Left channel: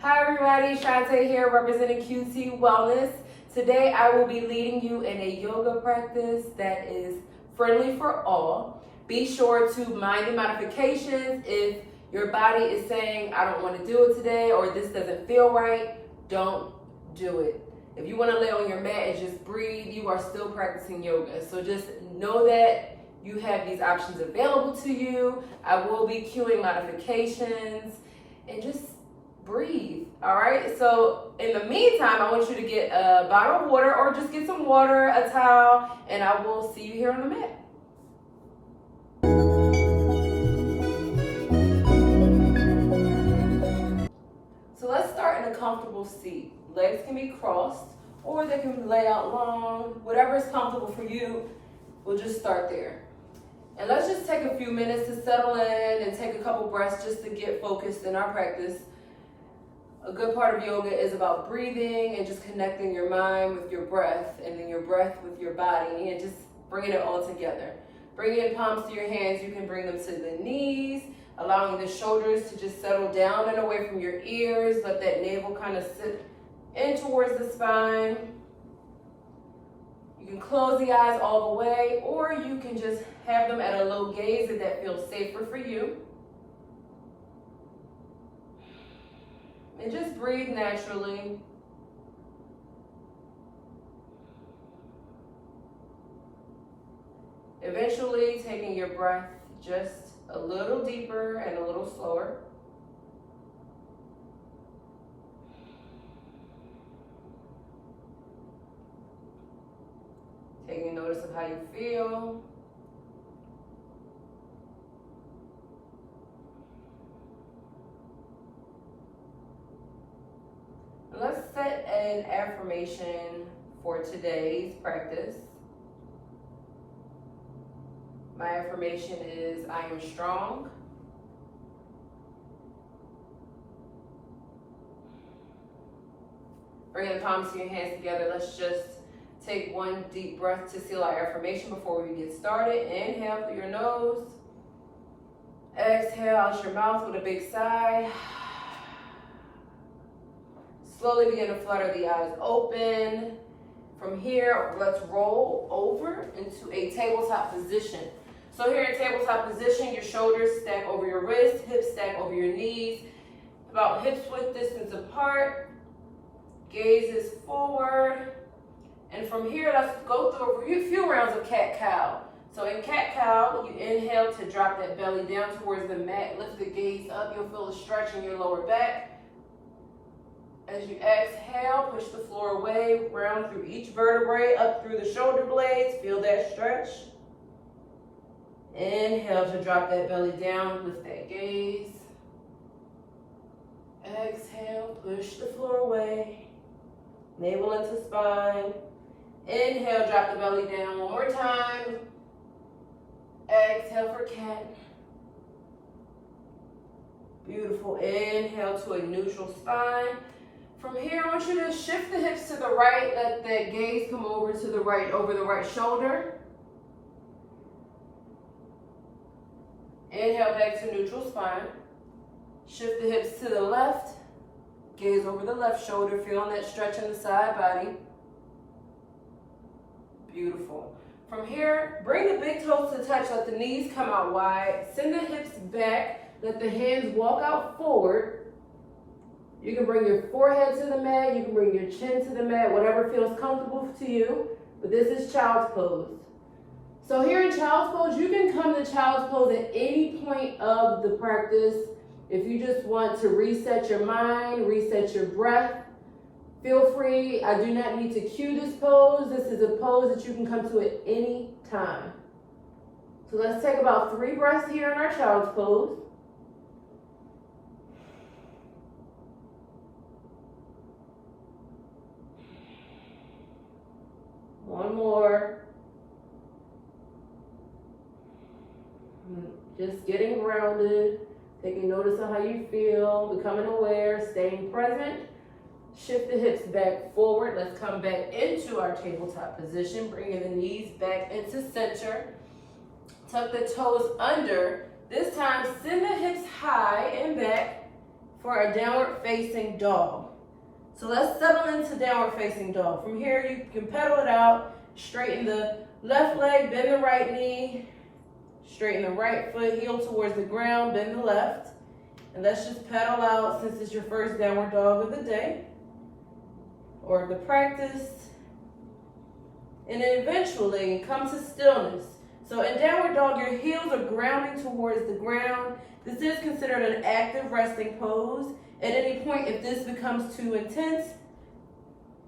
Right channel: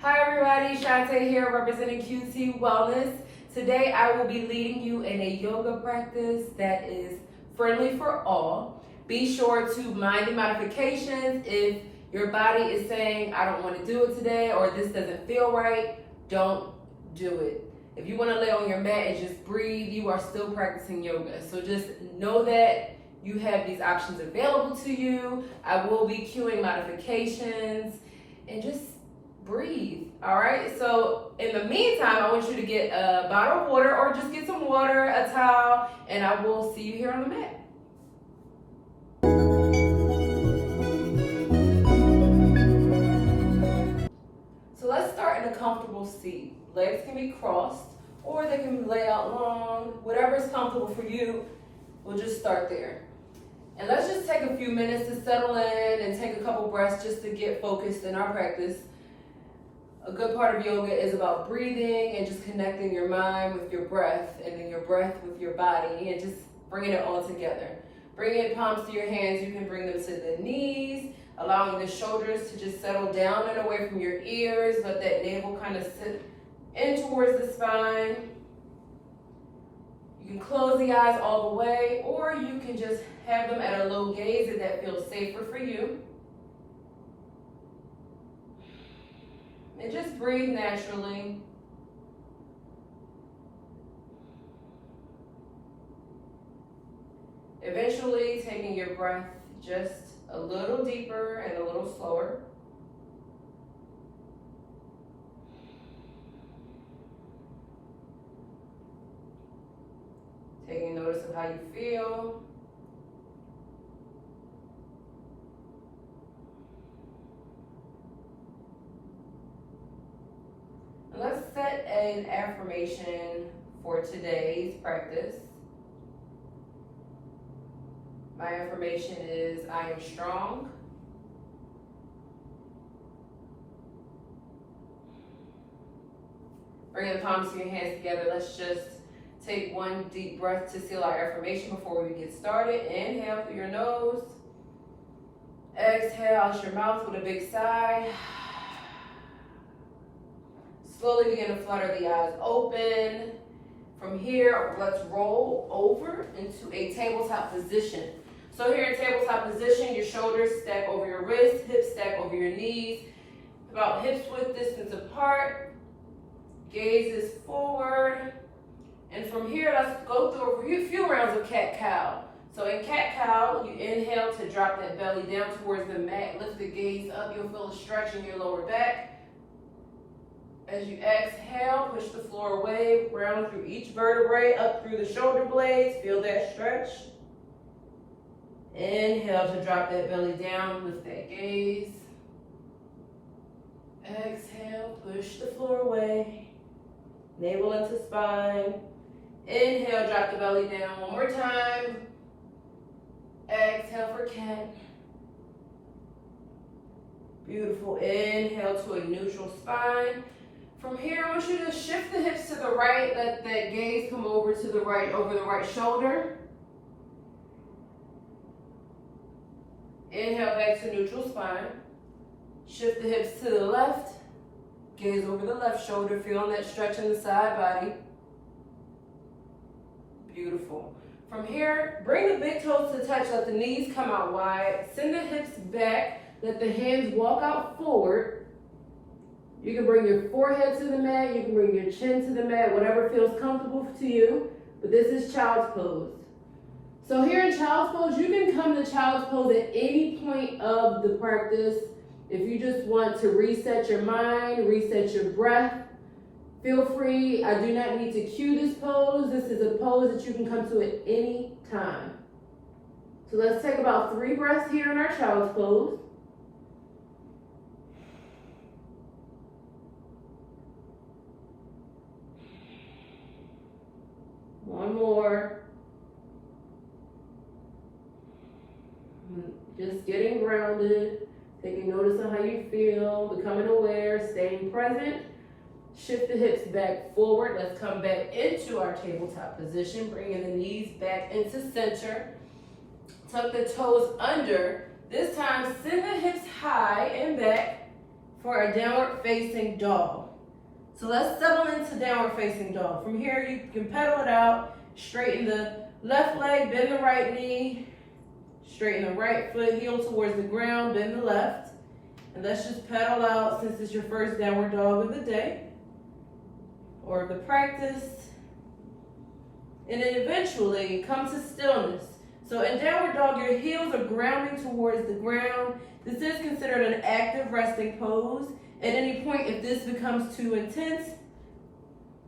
Hi everybody, Shantae here representing QT Wellness. Today I will be leading you in a yoga practice that is friendly for all. Be sure to mind the modifications. If your body is saying, I don't want to do it today, or this doesn't feel right, don't do it. If you want to lay on your mat and just breathe, you are still practicing yoga. So just know that you have these options available to you. I will be cueing modifications and just breathe. All right, so in the meantime, I want you to get a bottle of water or just get some water, a towel, and I will see you here on the mat. So let's start in a comfortable seat. Legs can be crossed or they can be laid out long. Whatever is comfortable for you, we'll just start there. And let's just take a few minutes to settle in and take a couple breaths just to get focused in our practice. A good part of yoga is about breathing and just connecting your mind with your breath and then your breath with your body and just bringing it all together. Bring in palms to your hands. You can bring them to the knees, allowing the shoulders to just settle down and away from your ears. Let that navel kind of sit in towards the spine. You can close the eyes all the way, or you can just have them at a low gaze if that feels safer for you. And just breathe naturally. Eventually taking your breath just a little deeper and a little slower. Taking notice of how you feel. Let's set an affirmation for today's practice. My affirmation is, I am strong. Bring the palms to your hands together. Let's just take one deep breath to seal our affirmation before we get started. Inhale through your nose. Exhale out your mouth with a big sigh. Slowly begin to flutter the eyes open. From here, let's roll over into a tabletop position. So here in tabletop position, your shoulders stack over your wrists, hips stack over your knees, about hips width distance apart. Gaze is forward. And from here, let's go through a few rounds of cat-cow. So in cat-cow, you inhale to drop that belly down towards the mat. Lift the gaze up. You'll feel a stretch in your lower back. As you exhale, push the floor away, round through each vertebrae, up through the shoulder blades. Feel that stretch. Inhale to drop that belly down with that gaze. Exhale, push the floor away. Navel into spine. Inhale, drop the belly down one more time. Exhale for cat. Beautiful. Inhale to a neutral spine. From here, I want you to shift the hips to the right. Let that gaze come over to the right, over the right shoulder. Inhale back to neutral spine. Shift the hips to the left. Gaze over the left shoulder, feeling that stretch in the side body. Beautiful. From here, bring the big toes to touch. Let the knees come out wide. Send the hips back. Let the hands walk out forward. You can bring your forehead to the mat, you can bring your chin to the mat, whatever feels comfortable to you, but this is child's pose. So here in child's pose, you can come to child's pose at any point of the practice. If you just want to reset your mind, reset your breath, feel free. I do not need to cue this pose. This is a pose that you can come to at any time. So let's take about 3 breaths here in our child's pose. One more. Just getting grounded, taking notice of how you feel, becoming aware, staying present. Shift the hips back forward. Let's come back into our tabletop position, bringing the knees back into center. Tuck the toes under. This time, send the hips high and back for a downward facing dog. So let's settle into downward facing dog. From here, you can pedal it out, straighten the left leg, bend the right knee, straighten the right foot, heel towards the ground, bend the left. And let's just pedal out since it's your first downward dog of the day or the practice. And then eventually come to stillness. So in downward dog, your heels are grounding towards the ground. This is considered an active resting pose. At any point, if this becomes too intense,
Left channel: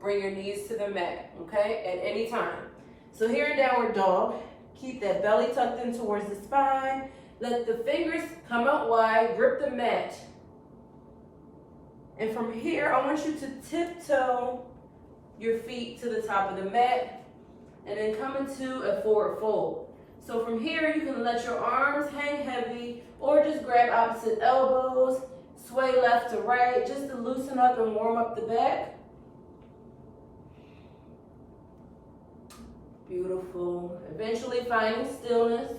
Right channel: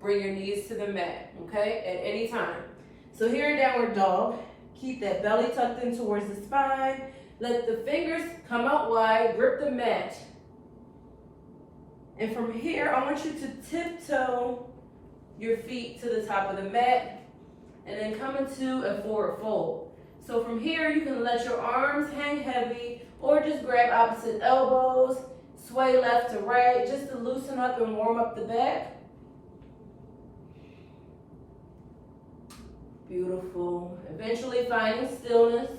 bring your knees to the mat, okay? At any time. So here in downward dog, keep that belly tucked in towards the spine. Let the fingers come out wide, grip the mat. And from here, I want you to tiptoe your feet to the top of the mat and then come into a forward fold. So from here, you can let your arms hang heavy or just grab opposite elbows, sway left to right, just to loosen up and warm up the back. Beautiful. Eventually finding stillness.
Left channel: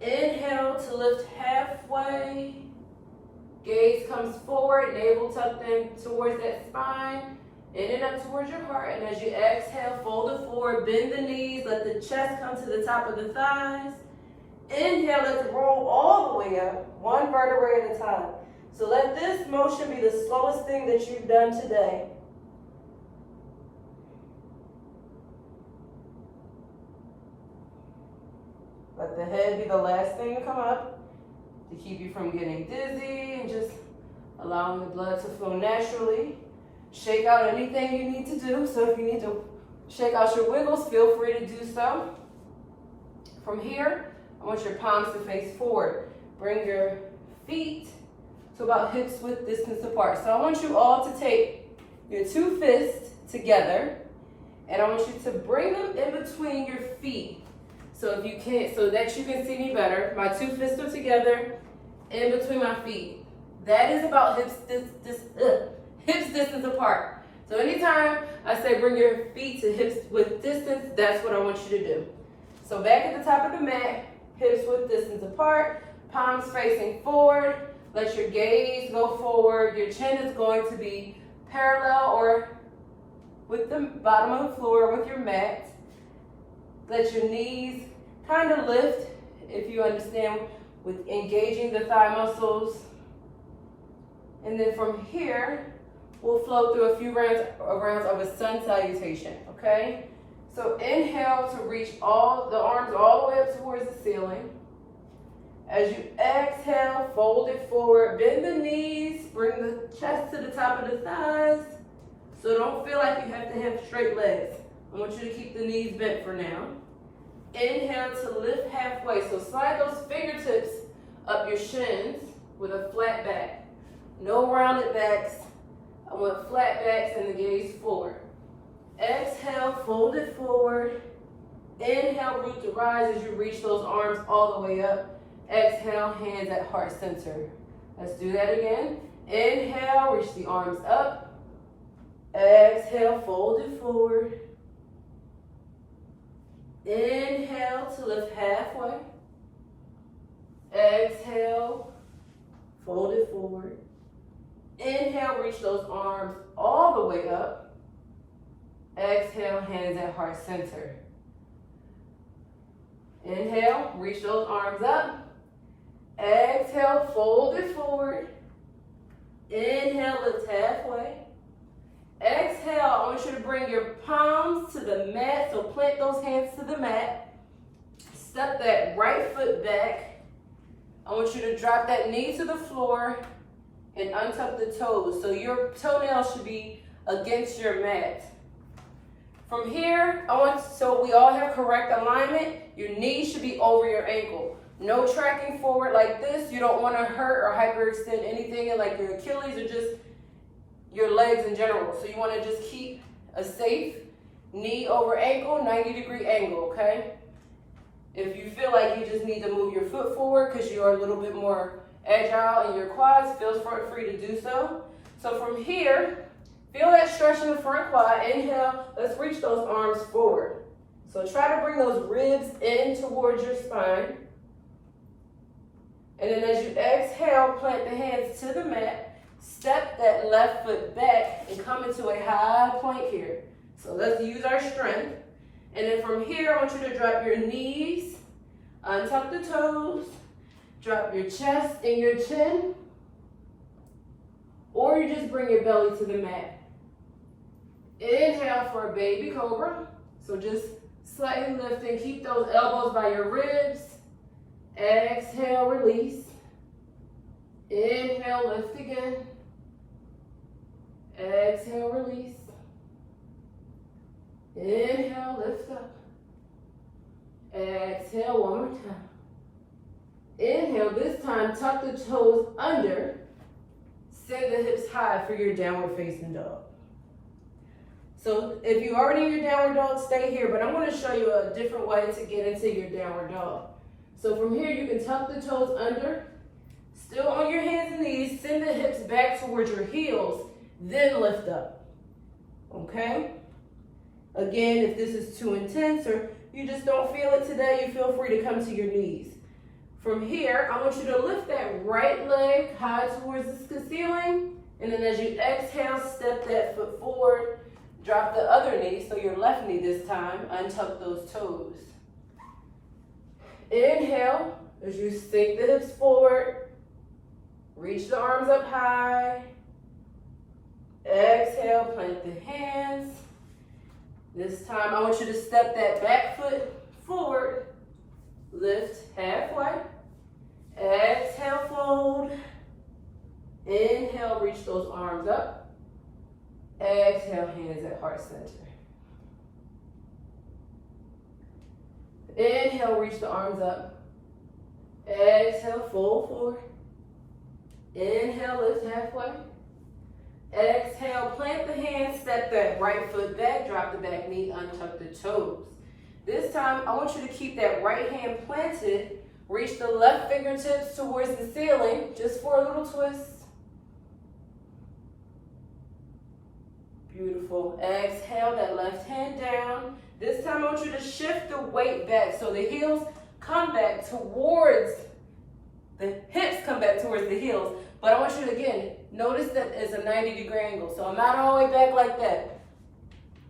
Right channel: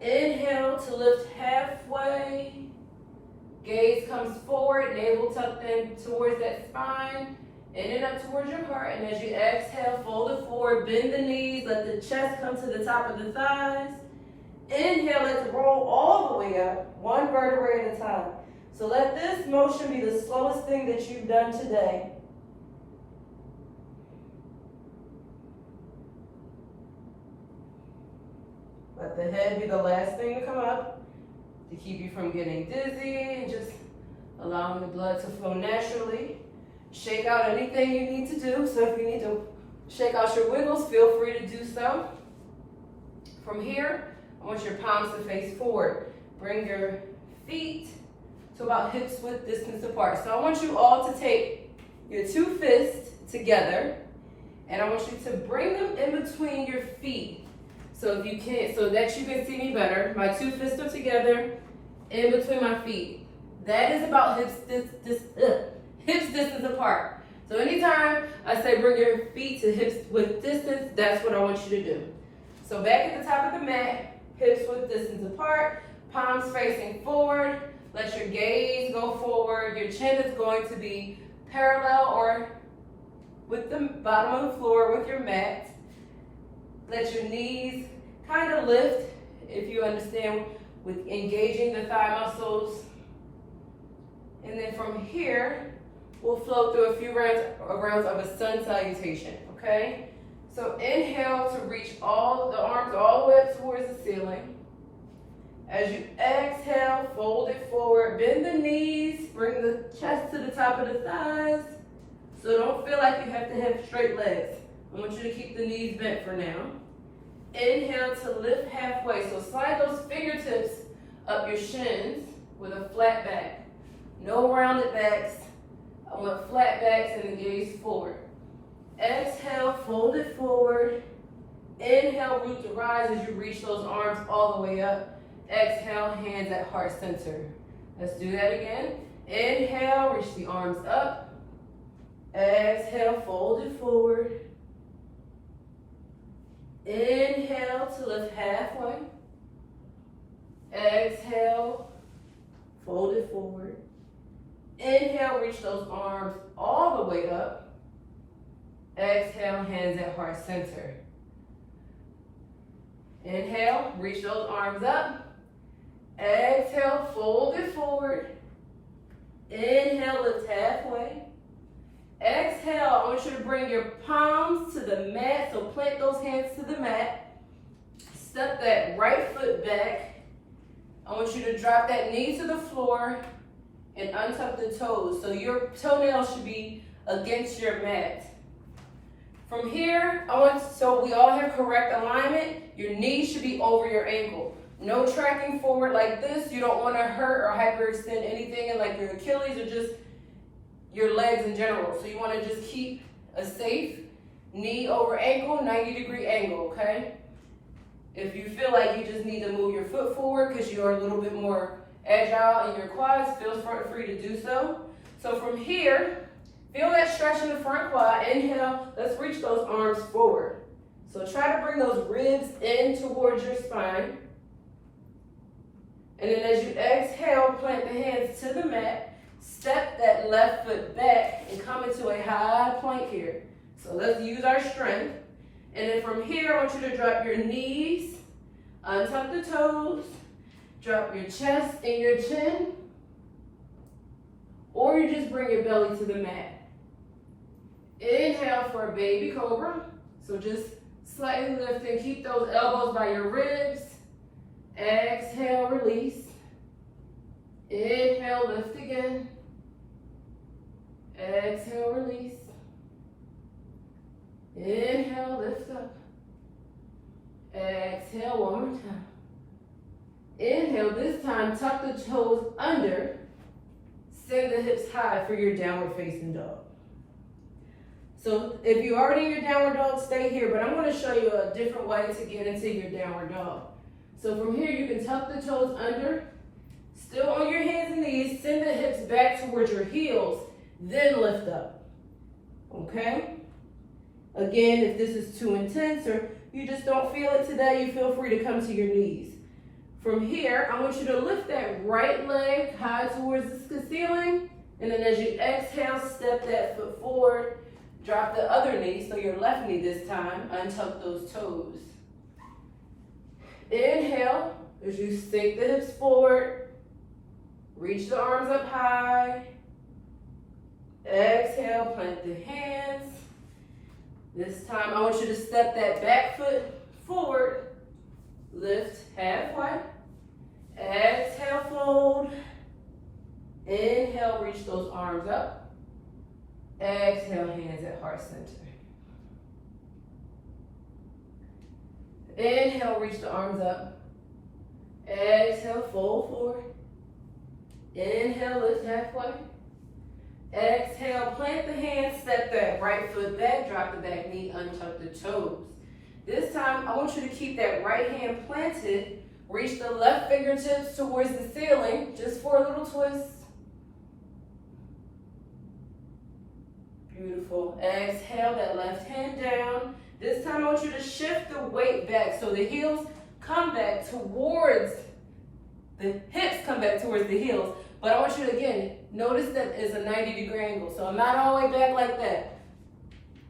Inhale to lift halfway. Gaze comes forward, navel tucked in towards that spine, in and up towards your heart. And as you exhale, fold it forward, bend the knees, let the chest come to the top of the thighs. Inhale, let it roll all the way up, one vertebrae at a time. So let this motion be the slowest thing that you've done today. Let the head be the last thing to come up to keep you from getting dizzy and just allowing the blood to flow naturally. Shake out anything you need to do. So if you need to shake out your wiggles, feel free to do so. From here, I want your palms to face forward. Bring your feet to about hips width distance apart. So I want you all to take your two fists together and I want you to bring them in between your feet. So if you can, so that you can see me better, my two fists are together in between my feet. That is about hips distance apart. So anytime I say bring your feet to hips width distance, that's what I want you to do. So back at the top of the mat, hips width distance apart, palms facing forward. Let your gaze go forward. Your chin is going to be parallel or with the bottom of the floor with your mat. Let your knees kind of lift, if you understand, with engaging the thigh muscles. And then from here, we'll flow through a few rounds of a sun salutation, okay? So inhale to reach all the arms all the way up towards the ceiling. As you exhale, fold it forward, bend the knees, bring the chest to the top of the thighs. So don't feel like you have to have straight legs. I want you to keep the knees bent for now. Inhale to lift halfway. So slide those fingertips up your shins with a flat back. No rounded backs. I want flat backs and the gaze forward. Exhale, fold it forward. Inhale, root to rise as you reach those arms all the way up. Exhale, hands at heart center. Let's do that again. Inhale, reach the arms up. Exhale, fold it forward. Inhale to lift halfway. Exhale, fold it forward. Inhale, reach those arms all the way up. Exhale, hands at heart center. Inhale, reach those arms up. Exhale, fold it forward. Inhale, lift halfway. Exhale, I want you to bring your palms to the mat. So plant those hands to the mat. Step that right foot back. I want you to drop that knee to the floor and untuck the toes. So your toenails should be against your mat. From here, so we all have correct alignment. Your knees should be over your ankle. No tracking forward like this. You don't want to hurt or hyperextend anything in like your Achilles or just your legs in general. So you want to just keep a safe knee over ankle, 90-degree angle, okay? If you feel like you just need to move your foot forward because you are a little bit more agile in your quads, feel free to do so. So from here, feel that stretch in the front quad. Inhale, let's reach those arms forward. So try to bring those ribs in towards your spine. And then as you exhale, plant the hands to the mat. Step that left foot back and come into a high plank here. So let's use our strength. And then from here, I want you to drop your knees, untuck the toes, drop your chest and your chin, or you just bring your belly to the mat. Inhale for a baby cobra. So just slightly lift and keep those elbows by your ribs. Exhale, release. Inhale, lift again. Exhale, release. Inhale, lift up. Exhale, one more time. Inhale, this time tuck the toes under. Send the hips high for your downward facing dog. So if you're already in your downward dog, stay here, but I'm going to show you a different way to get into your downward dog. So from here, you can tuck the toes under, still on your hands and knees, send the hips back towards your heels, then lift up, okay? Again, if this is too intense or you just don't feel it today, you feel free to come to your knees. From here, I want you to lift that right leg high towards the ceiling, and then as you exhale, step that foot forward, drop the other knee, so your left knee this time, untuck those toes. Inhale, as you sink the hips forward, reach the arms up high. Exhale, plant the hands. This time, I want you to step that back foot forward, lift halfway. Exhale, fold. Inhale, reach those arms up. Exhale, hands at heart center. Inhale, reach the arms up. Exhale, fold forward. Inhale, lift halfway. Exhale, plant the hands, step that right foot back, drop the back knee, untuck the toes. This time, I want you to keep that right hand planted. Reach the left fingertips towards the ceiling, just for a little twist. Beautiful. Exhale, that left hand down. This time, I want you to shift the weight back so the heels come back towards, the hips come back towards the heels. But I want you to, again, notice that it's a 90-degree angle. So I'm not all the way back like that.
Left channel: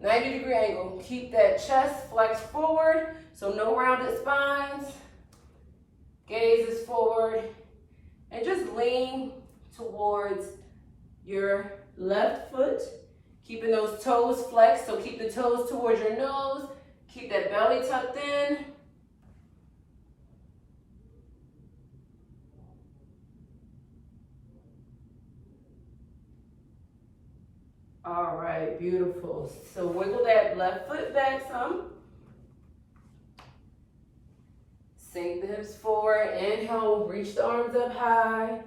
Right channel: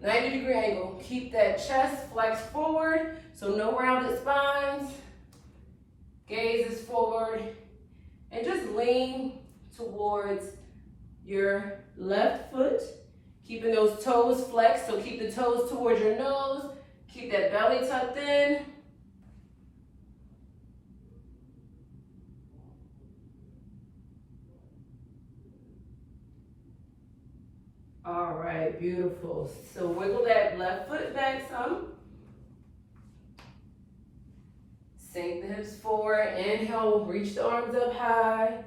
90-degree angle. Keep that chest flexed forward, so no rounded spines. Gaze is forward. And just lean towards your left foot. Keeping those toes flexed, so keep the toes towards your nose. Keep that belly tucked in. All right, beautiful. So wiggle that left foot back some. Sink the hips forward. Inhale, reach the arms up high.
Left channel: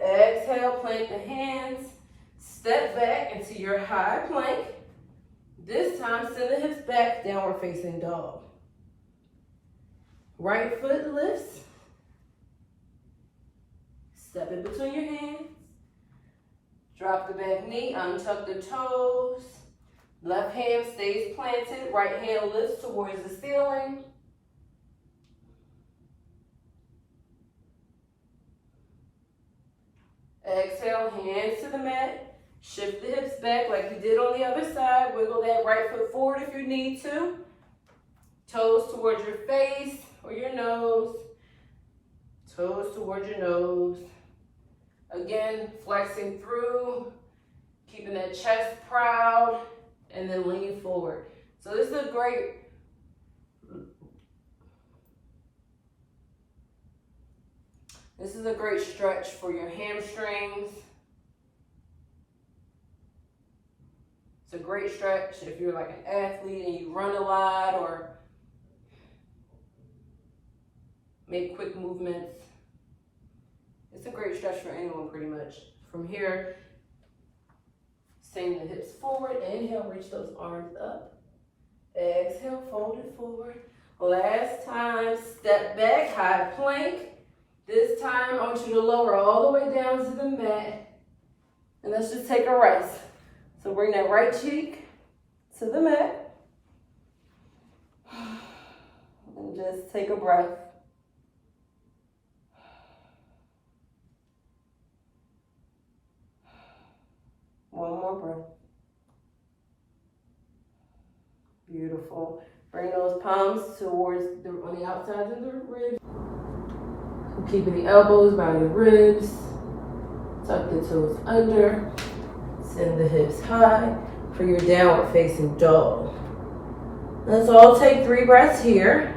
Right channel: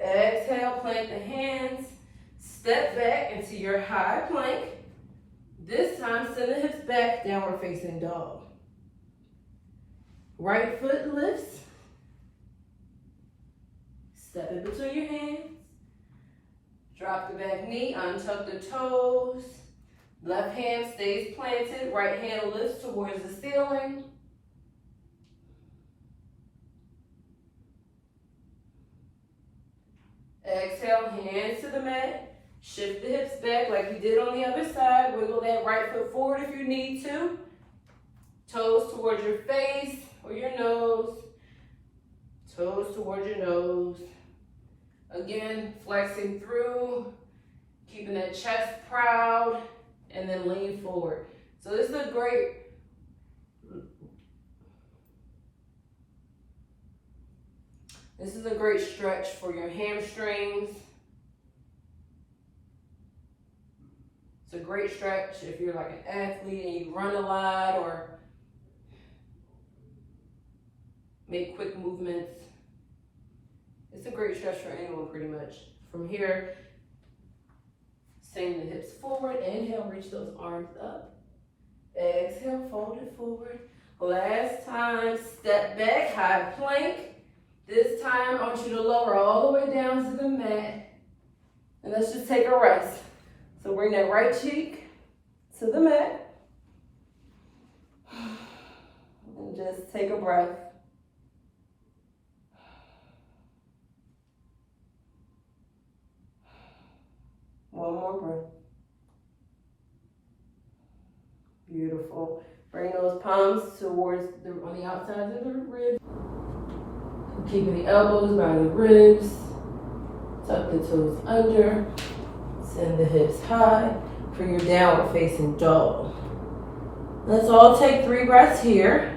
Exhale, plant the hands. Step back into your high plank. This time, send the hips back, downward facing dog. Right foot lifts. Step it between your hands. Drop the back knee, untuck the toes. Left hand stays planted, right hand lifts towards the ceiling. Exhale, hands to the mat. Shift the hips back like you did on the other side. Wiggle that right foot forward if you need to. Toes towards your face or your nose. Toes towards your nose. Again, flexing through, keeping that chest proud, and then lean forward. So this is a great stretch for your hamstrings. It's a great stretch if you're like an athlete and you run a lot or make quick movements. It's a great stretch for anyone pretty much. From here, send the hips forward. Inhale, reach those arms up. Exhale, fold it forward. Last time, step back, high plank. This time, I want you to lower all the way down to the mat. And let's just take a rest. So bring that right cheek to the mat. And just take a breath. One more breath. Beautiful. Bring those palms towards on the outside of the ribs. Keeping the elbows by the ribs. Tuck the toes under. Send the hips high for your downward facing dog. Let's all take 3 breaths here.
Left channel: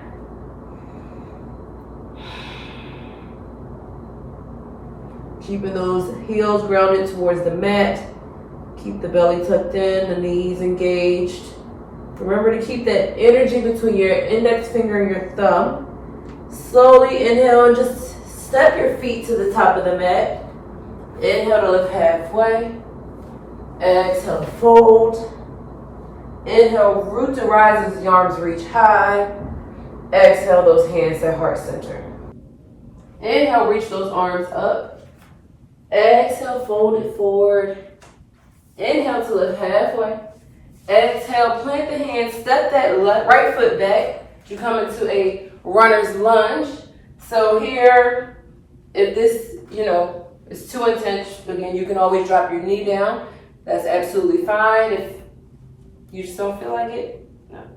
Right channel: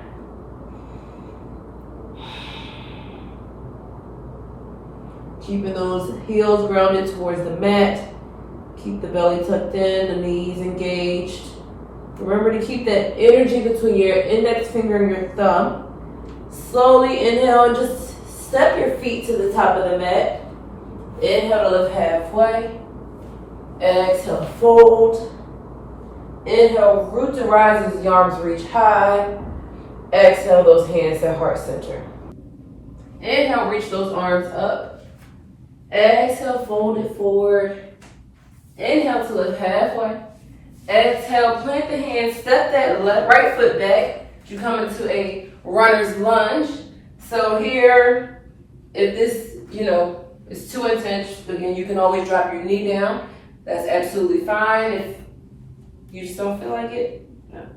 Keeping those heels grounded towards the mat. Keep the belly tucked in, the knees engaged. Remember to keep that energy between your index finger and your thumb. Slowly inhale and just step your feet to the top of the mat. Inhale to lift halfway. Exhale to fold. Inhale, root to rise as the arms reach high. Exhale, those hands to heart center. Inhale, reach those arms up. Exhale, fold it forward. Inhale to lift halfway. Exhale, plant the hands, step that right foot back. You come into a runner's lunge. So here, if this, is too intense, again, you can always drop your knee down. That's absolutely fine. If you just don't feel like it, no.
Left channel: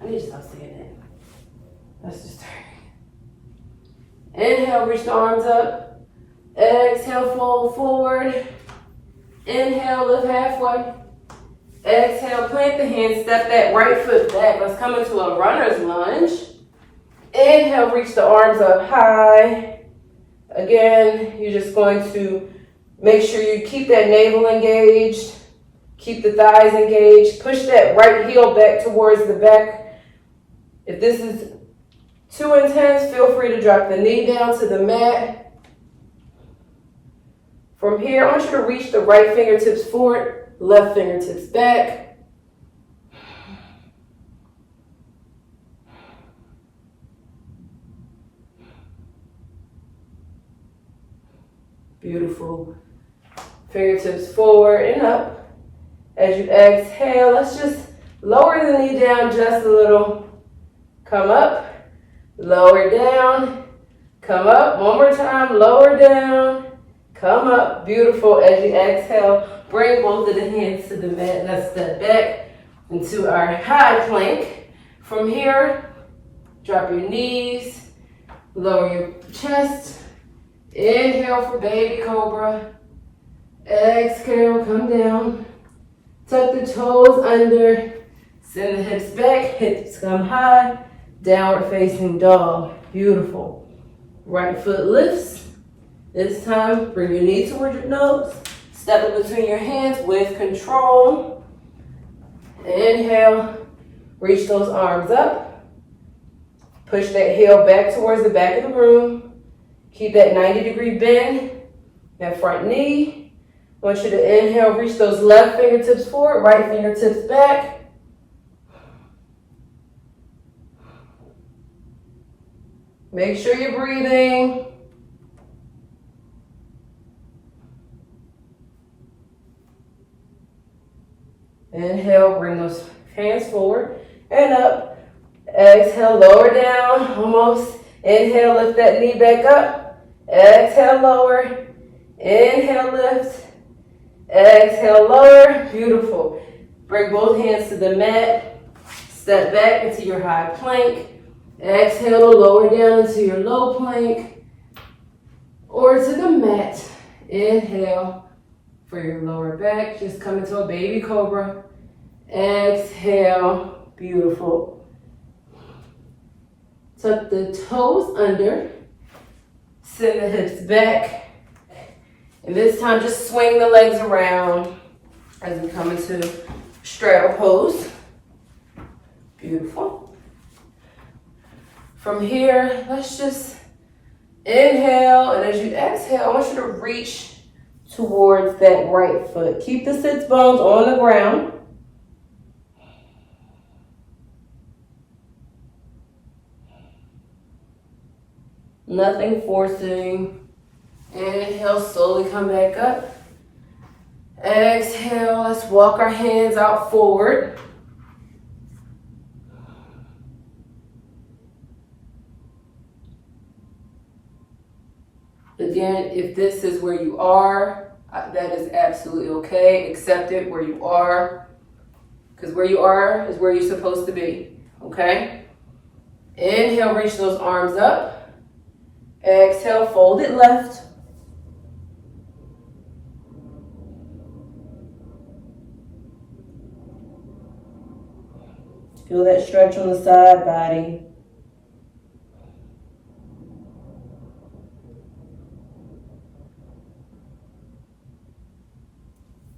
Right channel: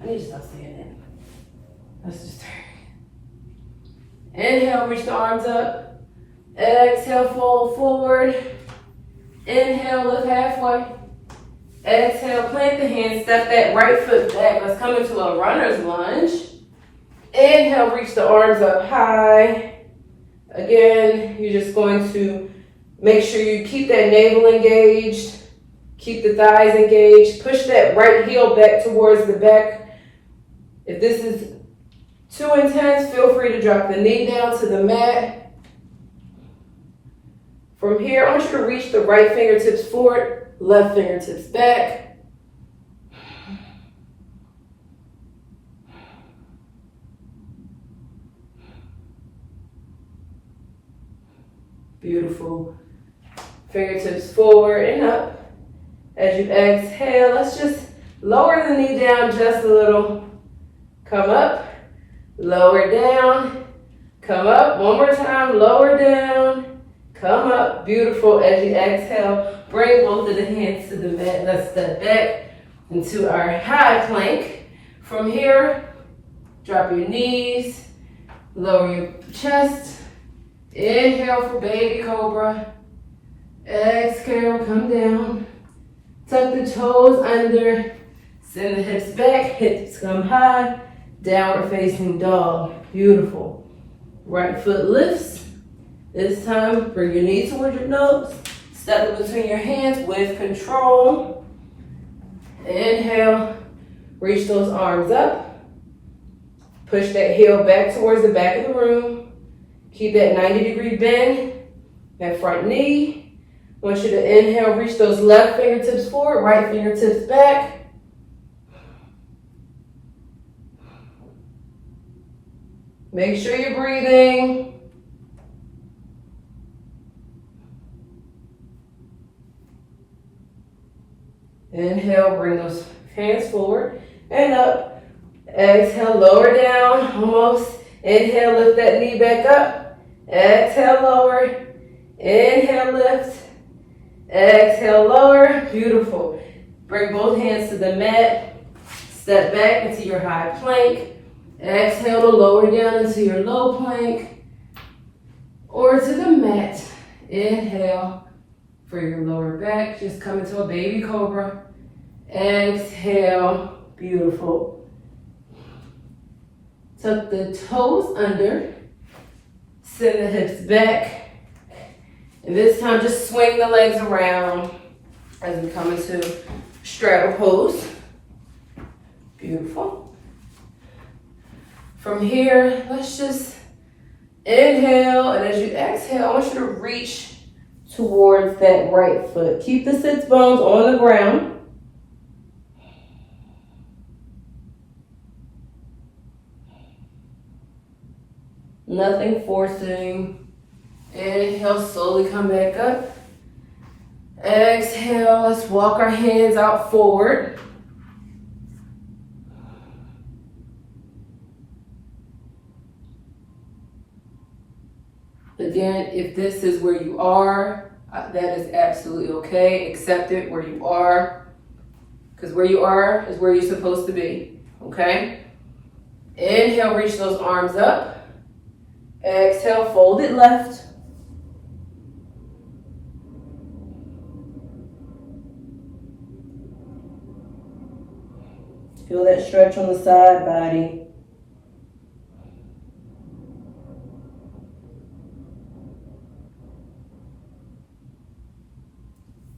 I need to stop saying that. Let's just turn. Inhale, reach the arms up. Exhale, fold forward. Inhale, lift halfway. Exhale, plant the hands, step that right foot back. Let's come into a runner's lunge. Inhale, reach the arms up high. Again, you're just going to make sure you keep that navel engaged. Keep the thighs engaged. Push that right heel back towards the back. If this is too intense, feel free to drop the knee down to the mat. From here, I want you to reach the right fingertips forward, left fingertips back. Beautiful. Fingertips forward and up. As you exhale, let's just lower the knee down just a little. Come up, lower down, come up. One more time, lower down. Come up, beautiful. As you exhale, bring both of the hands to the mat. Let's step back into our high plank. From here, drop your knees, lower your chest. Inhale for baby cobra. Exhale, come down. Tuck the toes under. Send the hips back, hips come high. Downward facing dog. Beautiful. Right foot lifts. This time, bring your knee towards your nose. Step it between your hands with control. Inhale, reach those arms up. Push that heel back towards the back of the room. Keep that 90-degree bend, that front knee. I want you to inhale, reach those left fingertips forward, right fingertips back. Make sure you're breathing. Inhale, bring those hands forward and up. Exhale, lower down, almost. Inhale, lift that knee back up. Exhale, lower. Inhale, lift. Exhale, lower. Beautiful. Bring both hands to the mat. Step back into your high plank. Exhale to lower down into your low plank or to the mat. Inhale for your lower back. Just come into a baby cobra. Exhale. Beautiful. Tuck the toes under. Send the hips back. And this time just swing the legs around as we come into straddle pose. Beautiful. From here, let's just inhale, and as you exhale, I want you to reach towards that right foot. Keep the sits bones on the ground. Nothing forcing. Inhale, slowly come back up. Exhale, let's walk our hands out forward. Again, if this is where you are, That is absolutely okay. Accept it where you are, because where you are is where you're supposed to be, okay? Inhale, reach those arms up. Exhale, fold it left. Feel that stretch on the side body.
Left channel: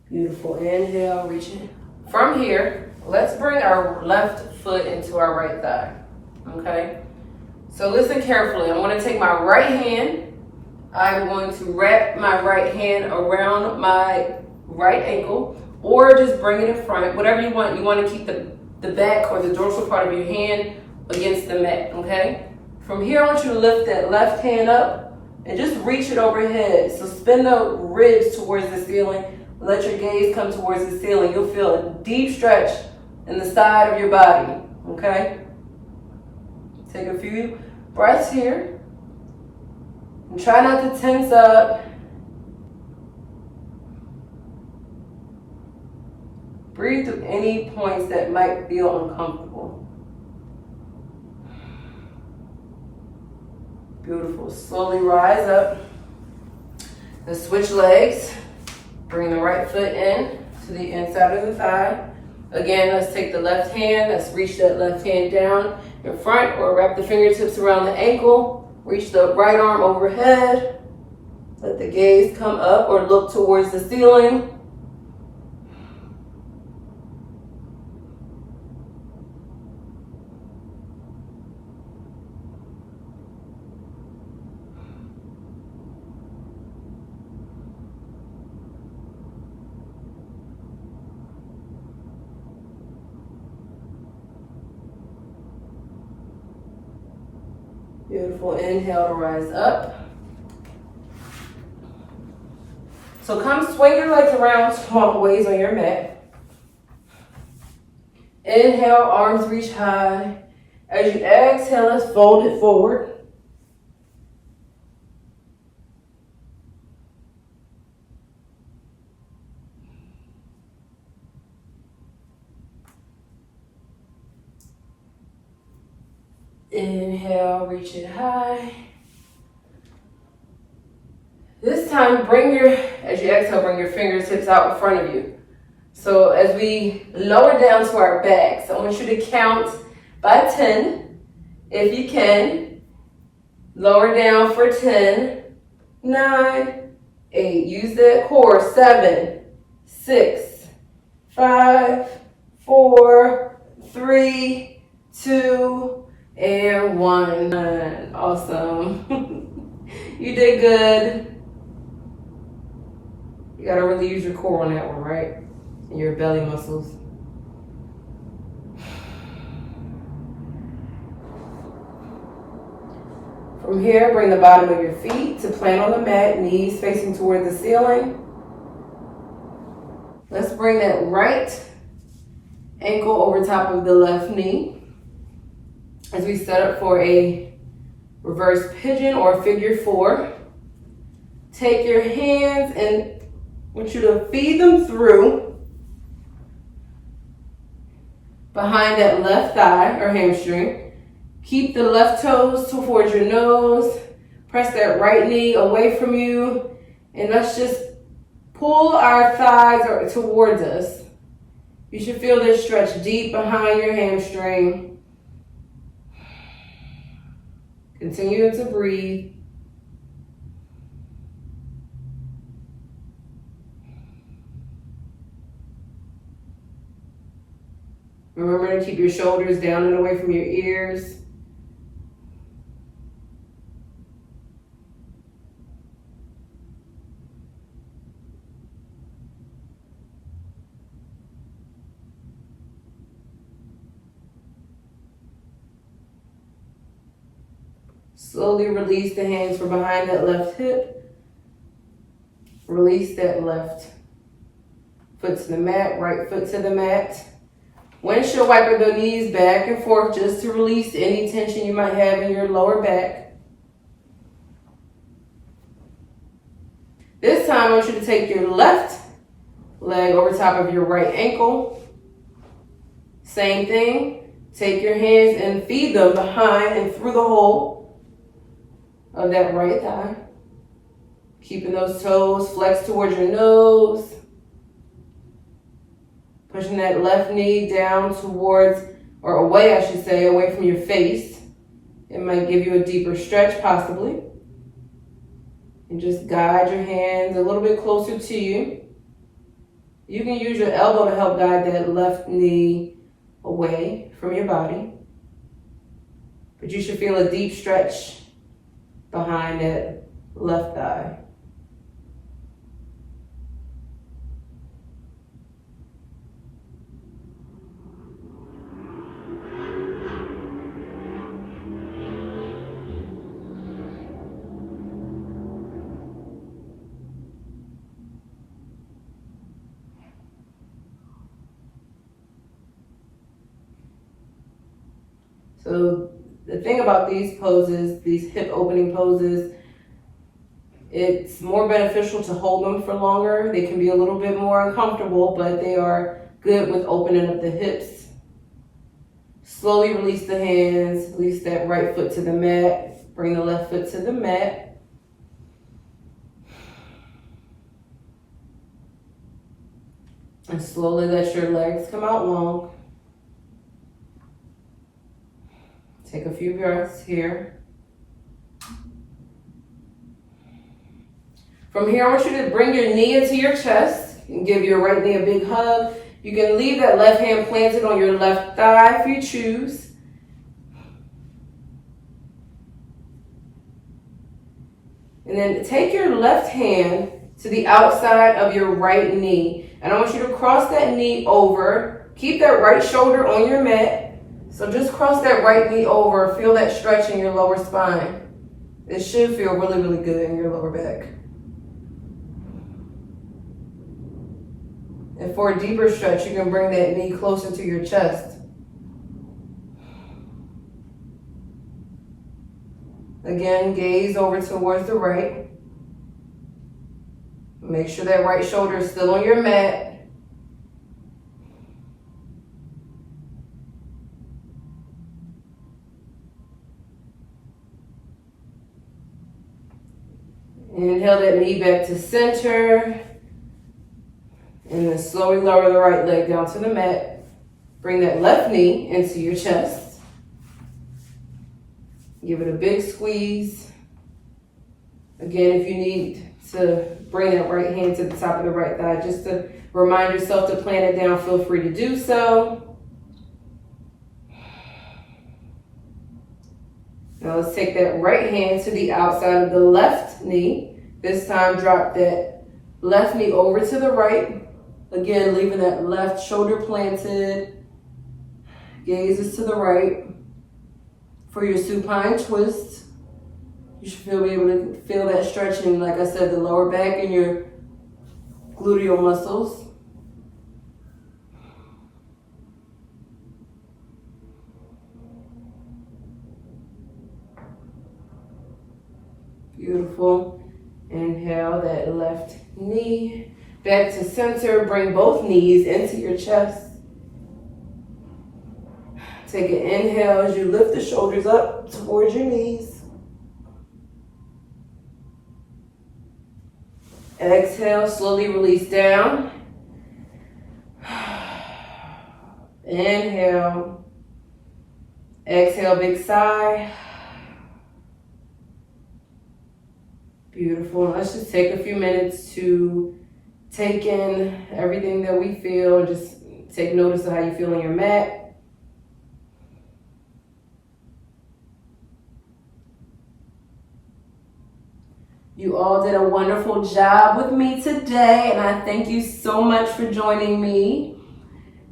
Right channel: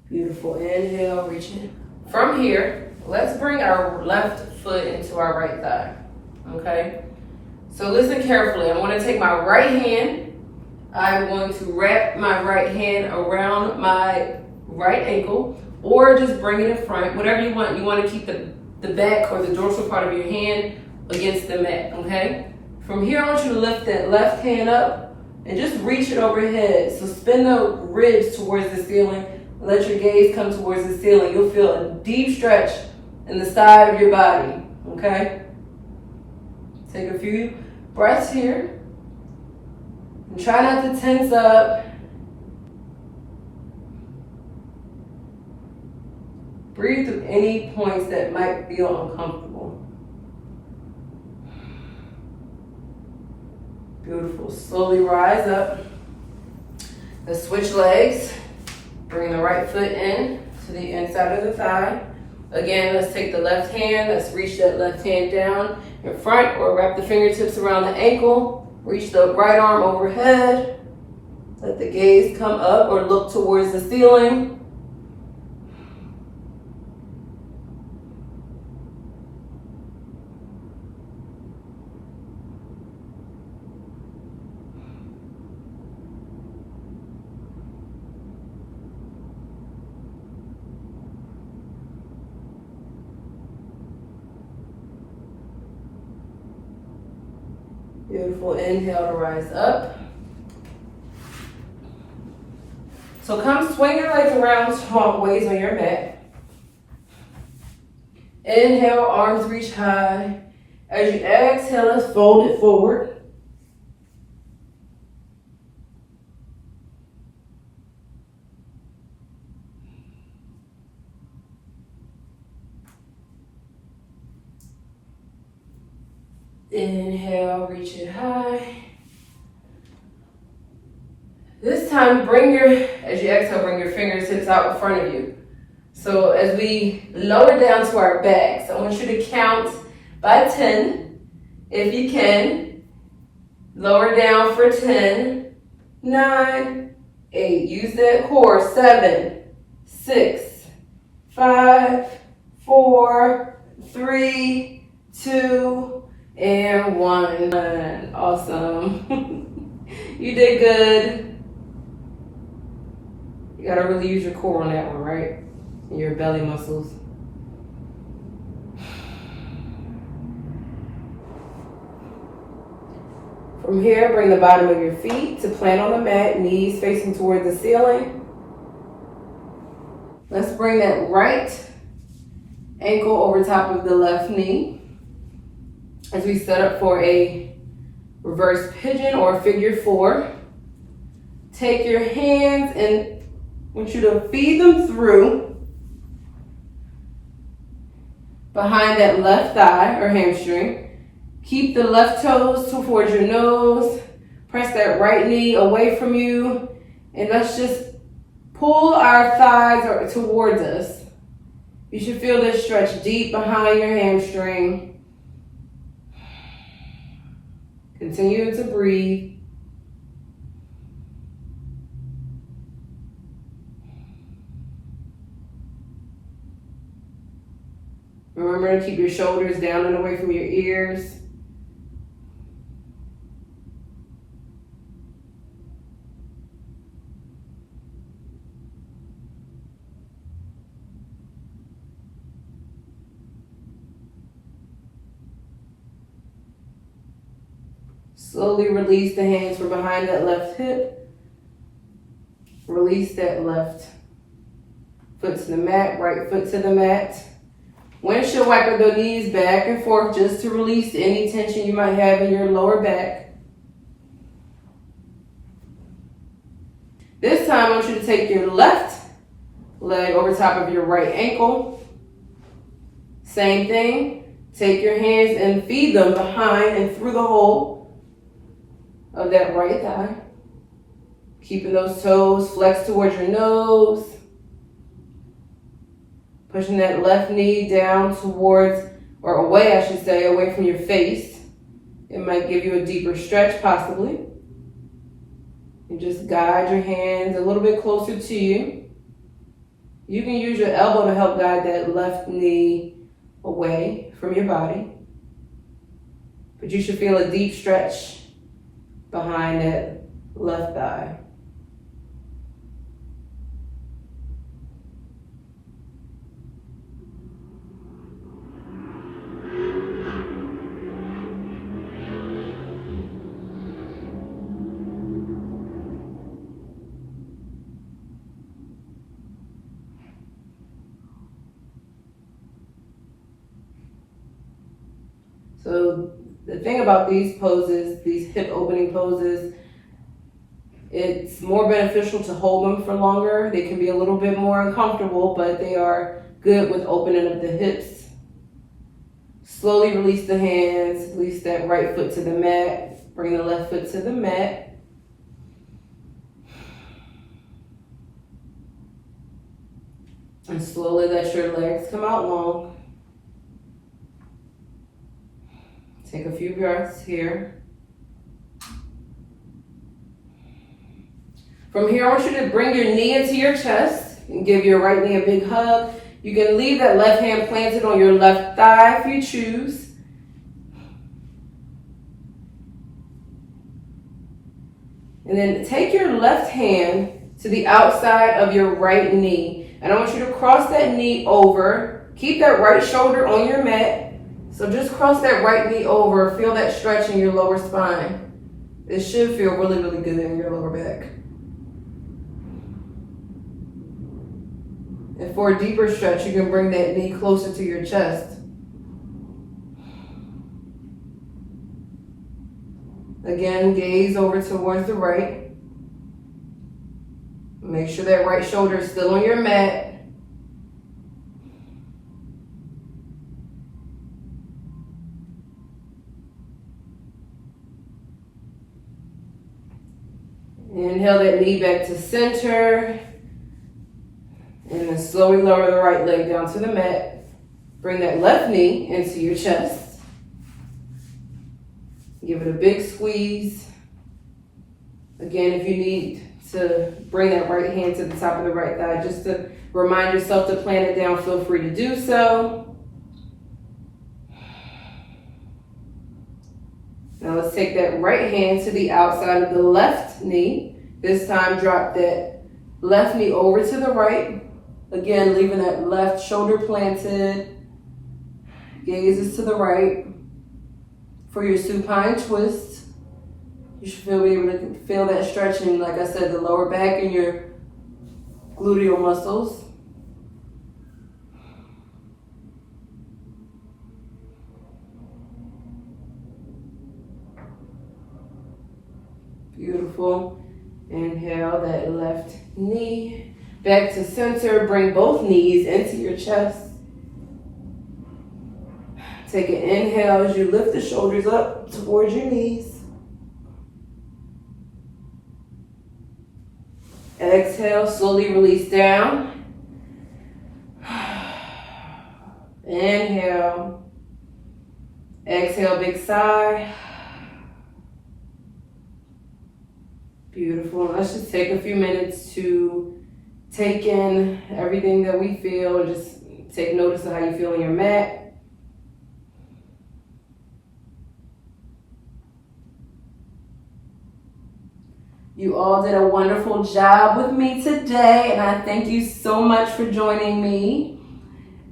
Beautiful. Inhale, reaching. From here, let's bring our left foot into our right thigh. Okay? So listen carefully. I'm going to take my right hand. I'm going to wrap my right hand around my right ankle, or just bring it in front, whatever you want. You want to keep the back or the dorsal part of your hand against the mat, okay? From here, I want you to lift that left hand up and just reach it overhead. So spin the ribs towards the ceiling. Let your gaze come towards the ceiling. You'll feel a deep stretch in the side of your body, okay? Take a few breaths here. And try not to tense up. Breathe through any points that might feel uncomfortable. Beautiful. Slowly rise up. Let's switch legs. Bring the right foot in to the inside of the thigh. Again, let's take the left hand. Let's reach that left hand down in front, or wrap the fingertips around the ankle. Reach the right arm overhead. Let the gaze come up or look towards the ceiling. Beautiful. Inhale to rise up. So come swing your legs around small ways on your mat. Inhale, arms reach high. As you exhale, let's fold it forward. Inhale, reach it high. This time, as you exhale, bring your fingertips out in front of you. So as we lower down to our backs, I want you to count by 10, if you can. Lower down for 10, 9, 8. Use that core. 7, 6, 5, 4, 3, 2, and 1. Awesome. You did good. You gotta really use your core on that one, right? And your belly muscles. From here, bring the bottom of your feet to plant on the mat, knees facing toward the ceiling. Let's bring that right ankle over top of the left knee as we set up for a reverse pigeon or figure 4. Take your hands and I want you to feed them through behind that left thigh or hamstring. Keep the left toes towards your nose. Press that right knee away from you. And let's just pull our thighs towards us. You should feel this stretch deep behind your hamstring. Continue to breathe. Remember to keep your shoulders down and away from your ears. Slowly release the hands from behind that left hip. Release that left foot to the mat, right foot to the mat. Windshield wiper the knees back and forth just to release any tension you might have in your lower back. This time, I want you to take your left leg over top of your right ankle. Same thing. Take your hands and feed them behind and through the hole of that right thigh. Keeping those toes flexed towards your nose. Pushing that left knee down towards, or away I should say, away from your face. It might give you a deeper stretch possibly. And just guide your hands a little bit closer to you. You can use your elbow to help guide that left knee away from your body. But you should feel a deep stretch behind that left thigh. So the thing about these poses, these hip opening poses, it's more beneficial to hold them for longer. They can be a little bit more uncomfortable, but they are good with opening up the hips. Slowly release the hands, release that right foot to the mat, bring the left foot to the mat. And slowly let your legs come out long. Take a few breaths here. From here, I want you to bring your knee into your chest and give your right knee a big hug. You can leave that left hand planted on your left thigh if you choose. And then take your left hand to the outside of your right knee. And I want you to cross that knee over. Keep that right shoulder on your mat. So just cross that right knee over. Feel that stretch in your lower spine. It should feel really, really good in your lower back. And for a deeper stretch, you can bring that knee closer to your chest. Again, gaze over towards the right. Make sure that right shoulder is still on your mat. Inhale that knee back to center. And then slowly lower the right leg down to the mat. Bring that left knee into your chest. Give it a big squeeze. Again, if you need to bring that right hand to the top of the right thigh, just to remind yourself to plant it down, feel free to do so. Now let's take that right hand to the outside of the left knee. This time drop that left knee over to the right. Again, leaving that left shoulder planted. Gazes to the right. For your supine twist, you should be able to feel that stretching, like I said, the lower back and your gluteal muscles. Beautiful. Inhale that left knee back to center. Bring both knees into your chest. Take an inhale as you lift the shoulders up towards your knees. Exhale, slowly release down. Inhale. Exhale, big sigh. Beautiful. Let's just take a few minutes to take in everything that we feel and just take notice of how you feel on your mat. You all did a wonderful job with me today, and I thank you so much for joining me.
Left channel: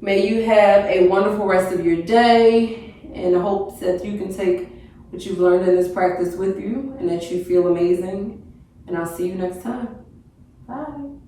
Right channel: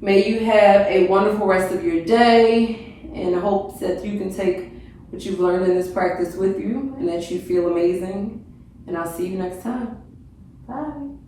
May you have a wonderful rest of your day, and I hope that you can take what you've learned in this practice with you and that you feel amazing. And I'll see you next time. Bye.